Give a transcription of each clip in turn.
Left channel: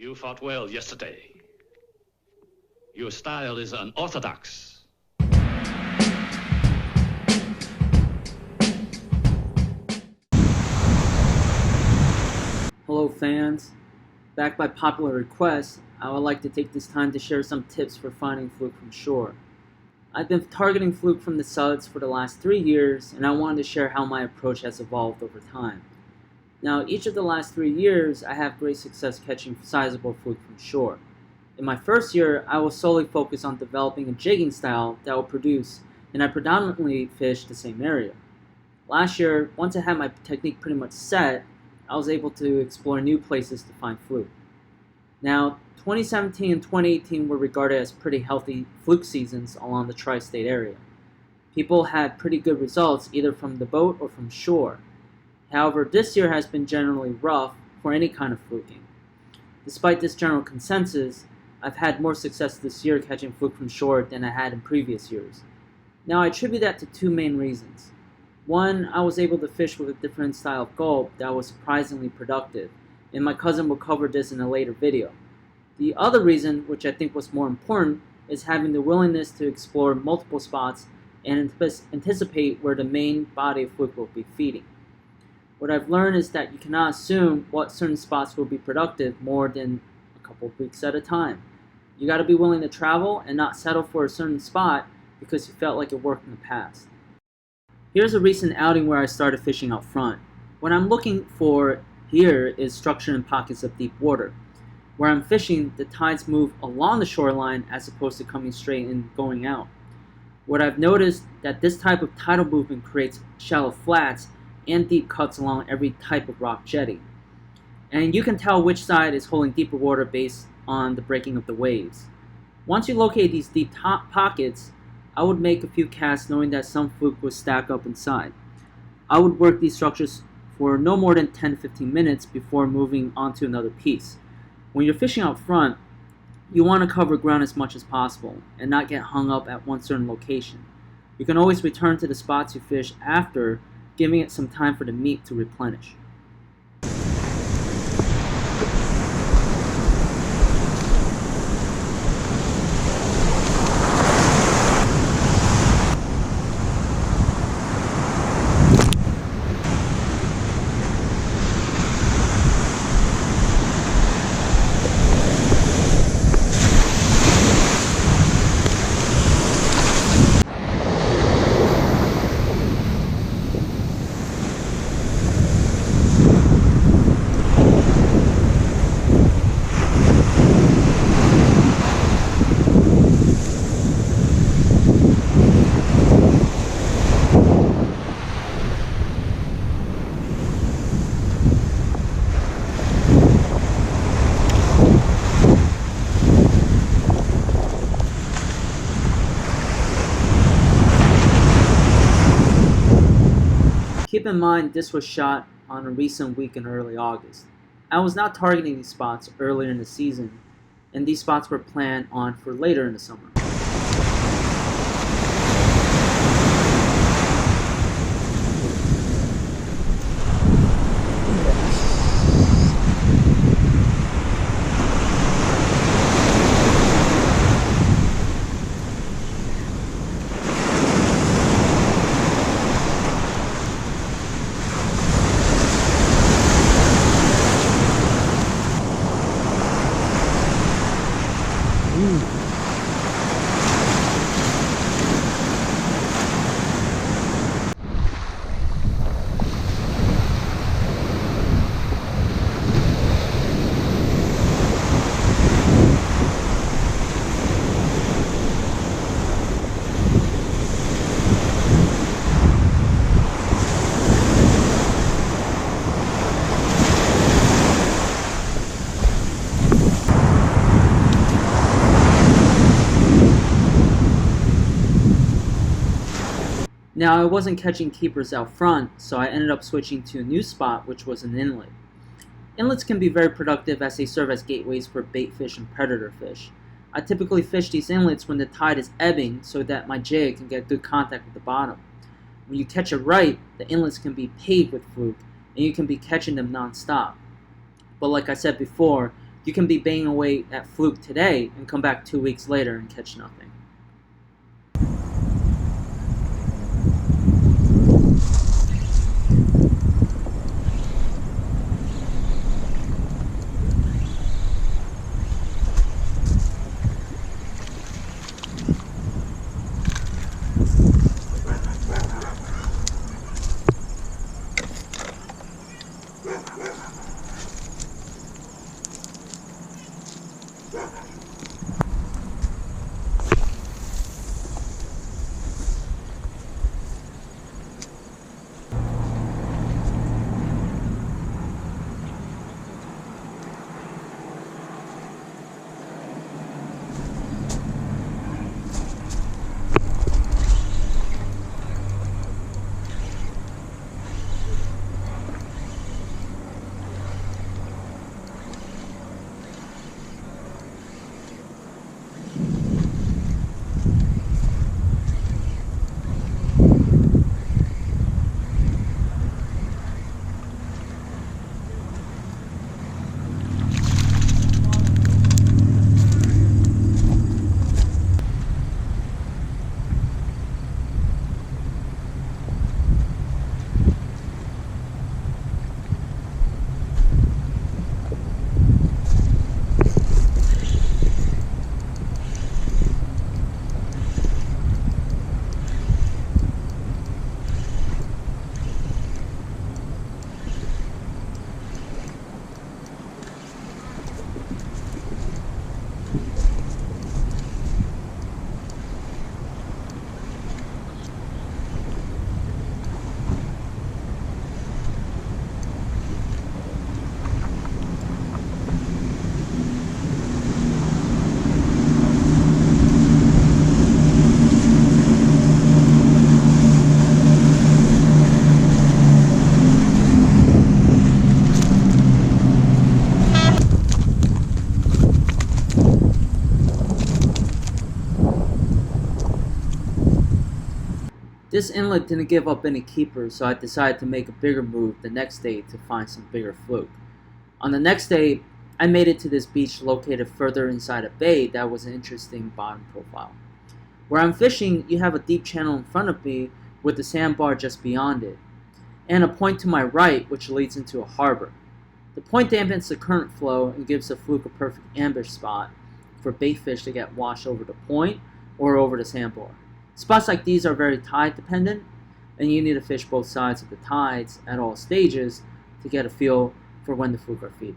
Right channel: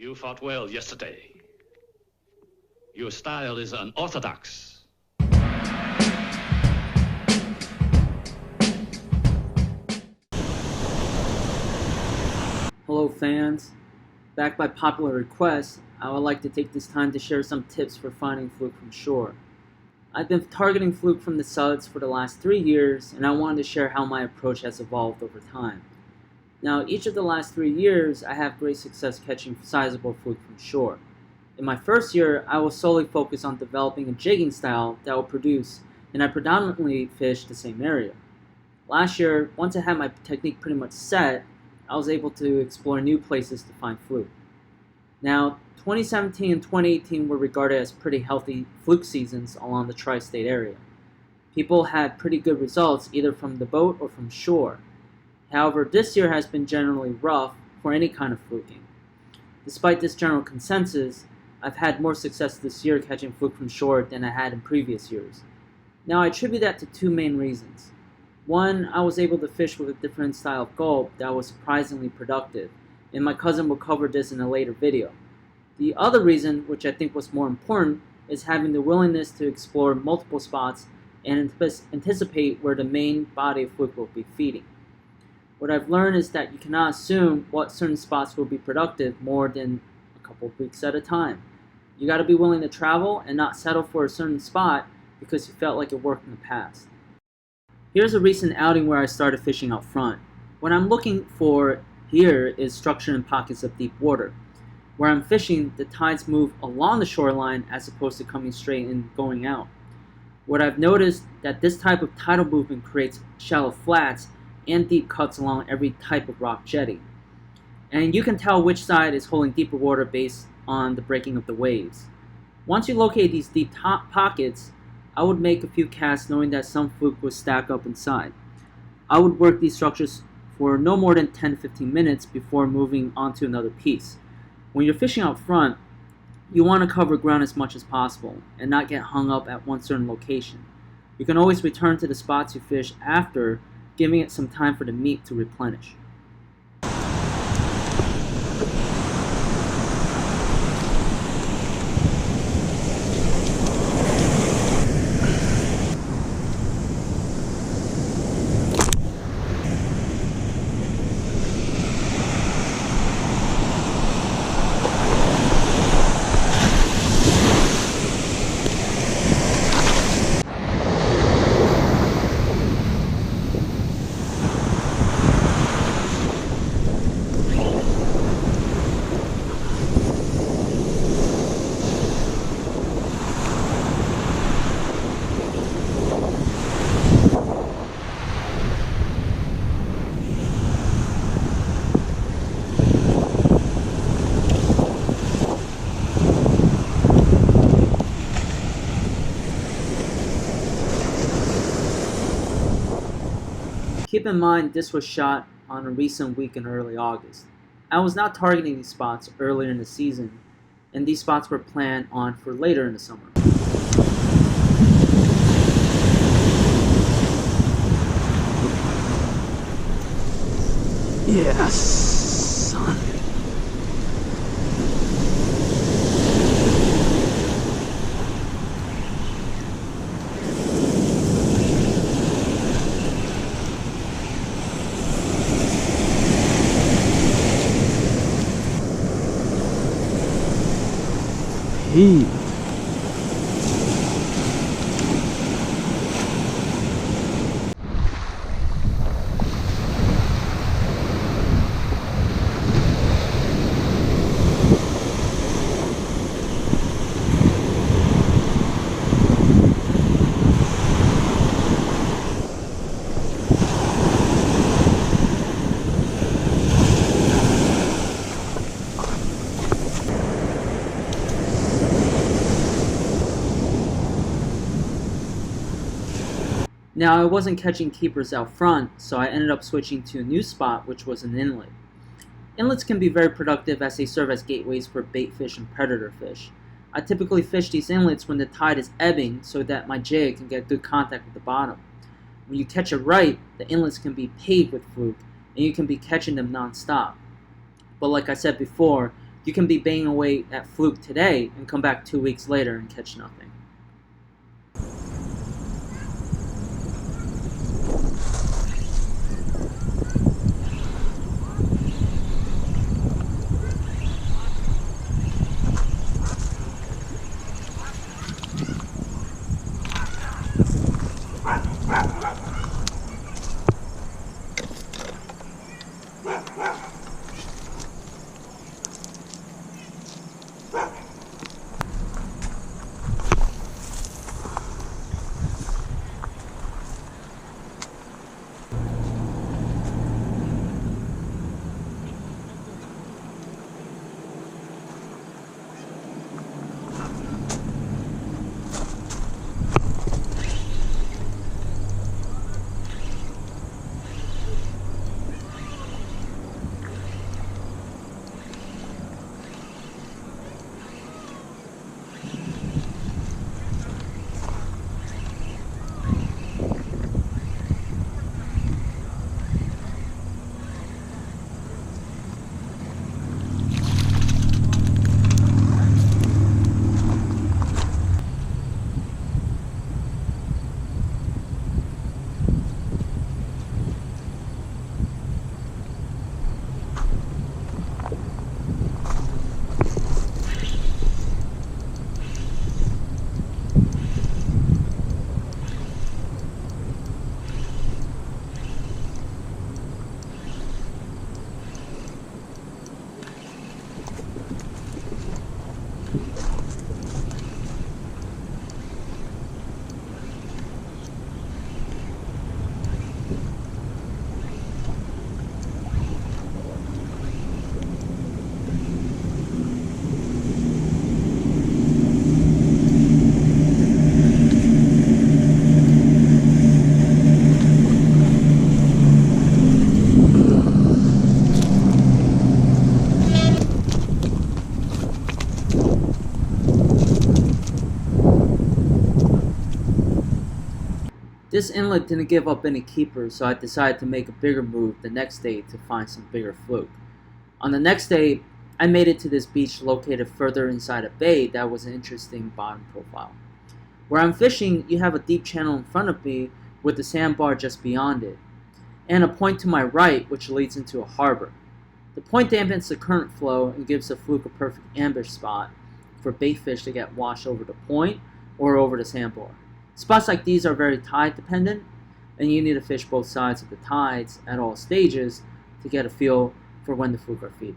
You fought well yesterday. Your style is unorthodox. Hello fans, back by popular request, I would like to take this time to share some tips for finding Fluke from shore. I've been targeting Fluke from the suds for the last 3 years, and I wanted to share how my approach has evolved over time. Now, each of the last 3 years, I have great success catching sizable Fluke from shore. In my first year, I was solely focused on developing a jigging style that would produce, and I predominantly fished the same area. Last year, once I had my technique pretty much set, I was able to explore new places to find Fluke. Now, 2017 and 2018 were regarded as pretty healthy Fluke seasons along the tri-state area. People had pretty good results either from the boat or from shore. However, this year has been generally rough for any kind of fluking. Despite this general consensus, I've had more success this year catching Fluke from shore than I had in previous years. Now, I attribute that to two main reasons. One, I was able to fish with a different style of gulp that was surprisingly productive, and my cousin will cover this in a later video. The other reason, which I think was more important, is having the willingness to explore multiple spots and anticipate where the main body of Fluke will be feeding. What I've learned is that you cannot assume what certain spots will be productive more than a couple of weeks at a time. You got to be willing to travel and not settle for a certain spot because you felt like it worked in the past. Here's a recent outing where I started fishing out front. What I'm looking for here is structure in pockets of deep water. Where I'm fishing, the tides move along the shoreline as opposed to coming straight and going out. What I've noticed that this type of tidal movement creates shallow flats and deep cuts along every type of rock jetty. And you can tell which side is holding deeper water based on the breaking of the waves. Once you locate these deep pockets, I would make a few casts knowing that some Fluke would stack up inside. I would work these structures for no more than 10 to 15 minutes before moving on to another piece. When you're fishing out front, you want to cover ground as much as possible and not get hung up at one certain location. You can always return to the spots you fished after, giving it some time for the meat to replenish. Keep in mind this was shot on a recent week in early August. I was not targeting these spots earlier in the season, and these spots were planned on for later in the summer. Yes. Now, I wasn't catching keepers out front, so I ended up switching to a new spot, which was an inlet. Inlets can be very productive as they serve as gateways for bait fish and predator fish. I typically fish these inlets when the tide is ebbing so that my jig can get good contact with the bottom. When you catch it right, the inlets can be paved with fluke, and you can be catching them non-stop. But like I said before, You can be banging away at Fluke today and come back 2 weeks later and catch nothing. This inlet didn't give up any keepers, so I decided to make a bigger move the next day to find some bigger fluke. On the next day, I made it to this beach located further inside a bay that was an interesting bottom profile. Where I'm fishing, you have a deep channel in front of me with the sandbar just beyond it, and a point to my right which leads into a harbor. The point dampens the current flow and gives the fluke a perfect ambush spot for bait fish to get washed over the point or over the sandbar. Spots like these are very tide dependent, and you need to fish both sides of the tides at all stages to get a feel for when the fluke are feeding.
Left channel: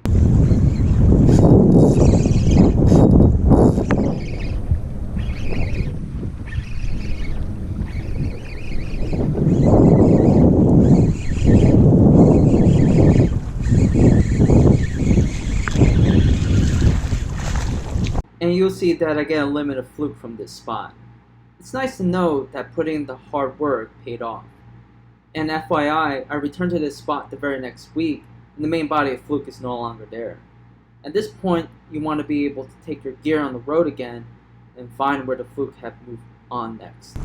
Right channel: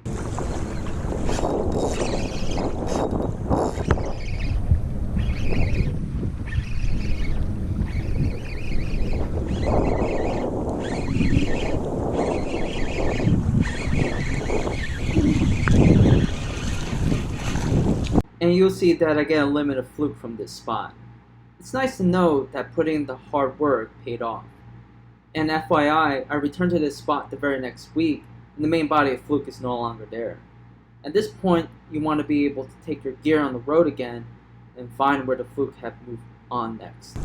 And you'll see that I get a limited fluke from this spot. It's nice to know that putting in the hard work paid off. And FYI, I returned to this spot the very next week, and the main body of fluke is no longer there. At this point, you want to be able to take your gear on the road again and find where the fluke have moved on next.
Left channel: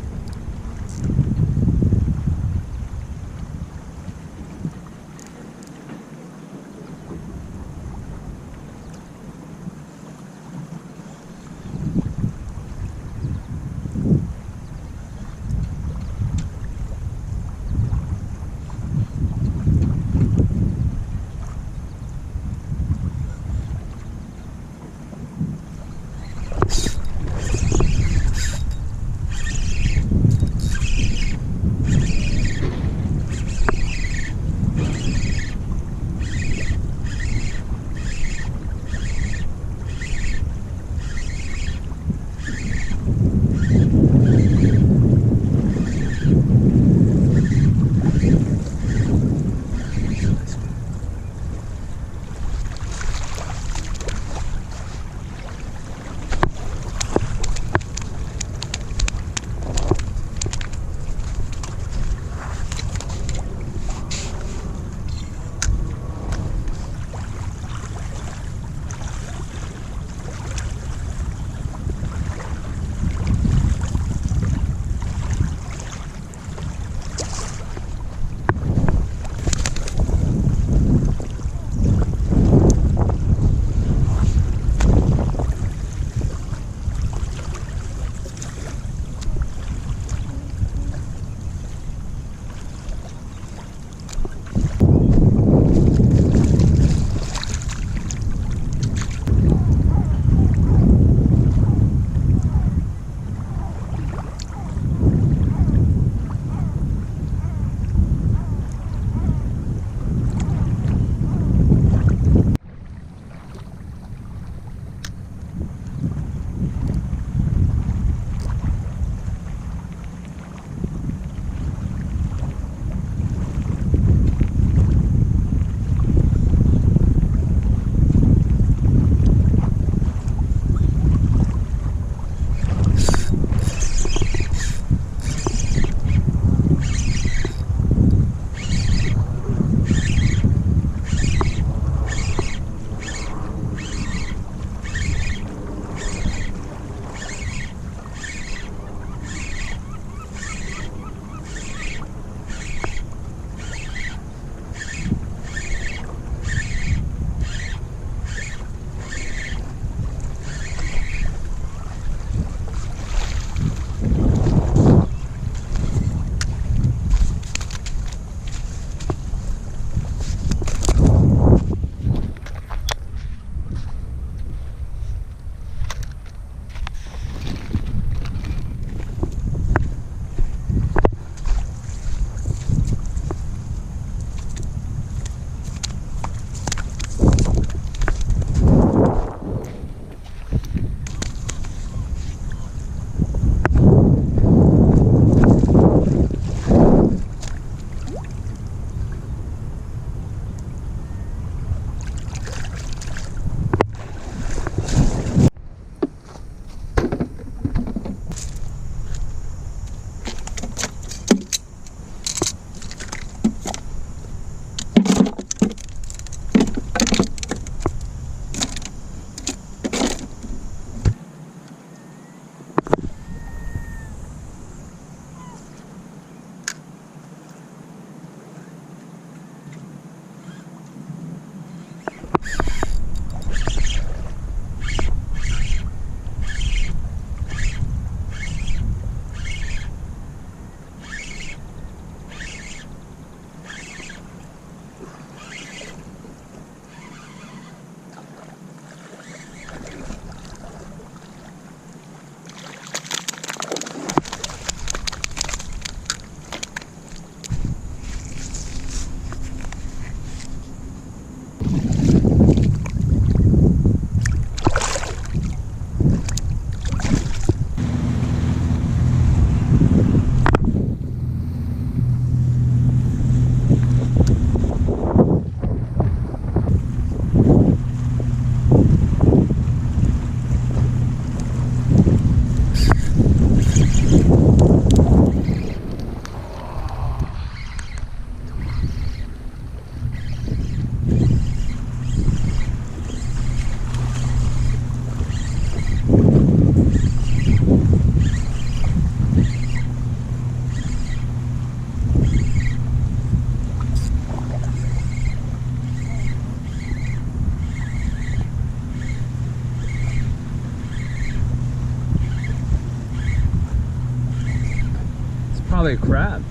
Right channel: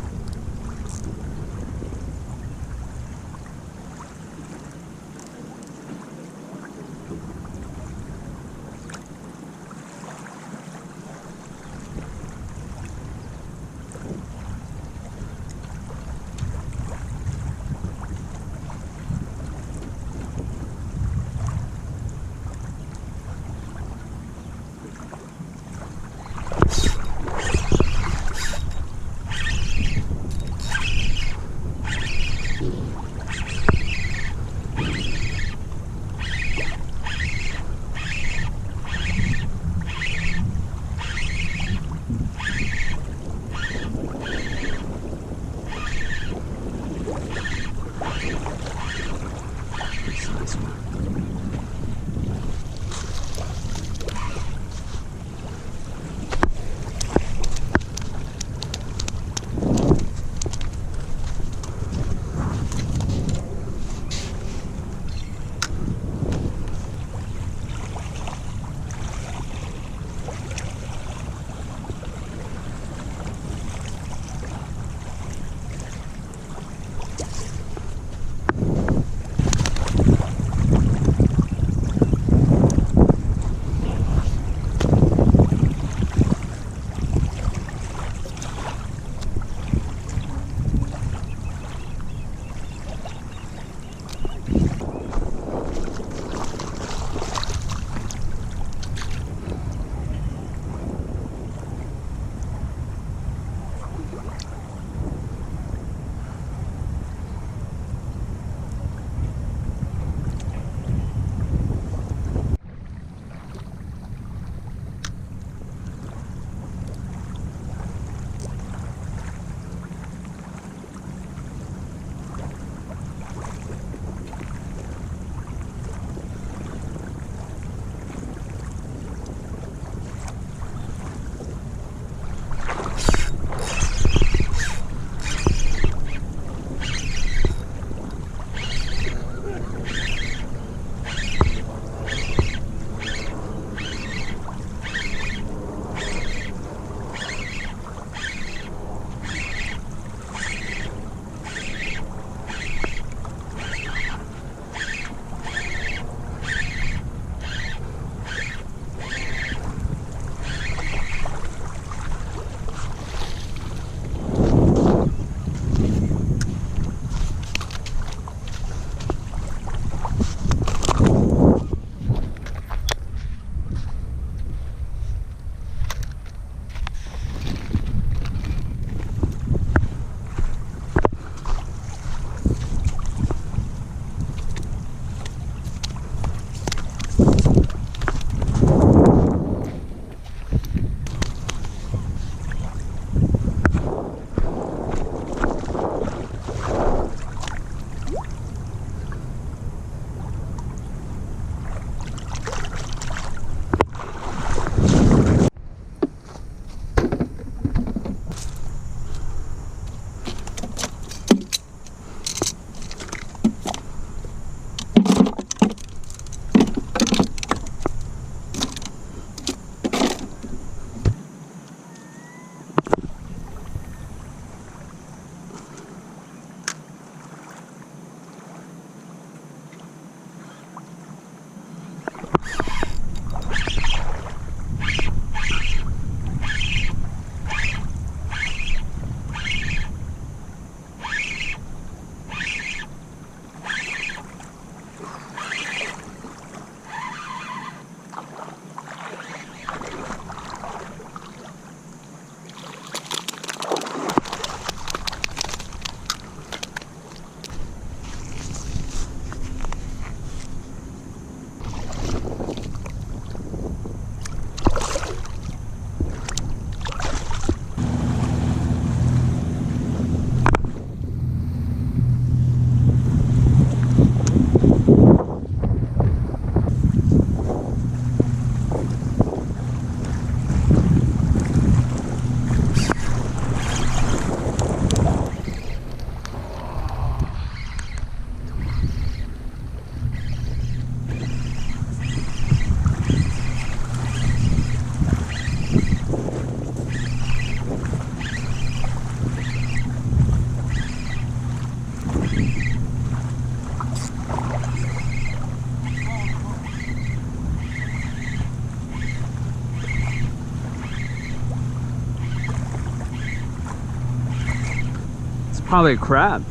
Probably a crab.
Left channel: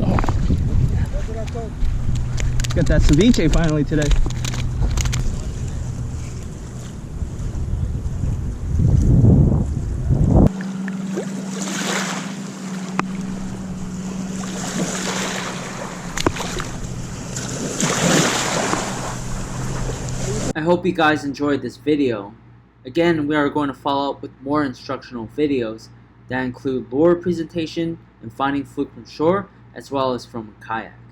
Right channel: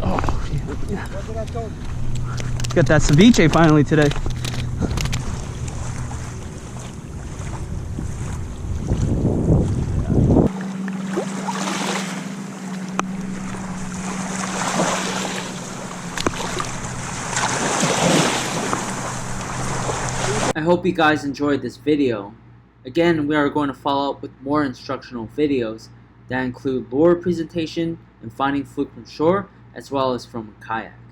Oh, yeah. Got that ceviche finally today. I hope you guys enjoyed this video. Again, we are going to follow up with more instructional videos that include lure presentation and finding fluke from shore as well as from a kayak.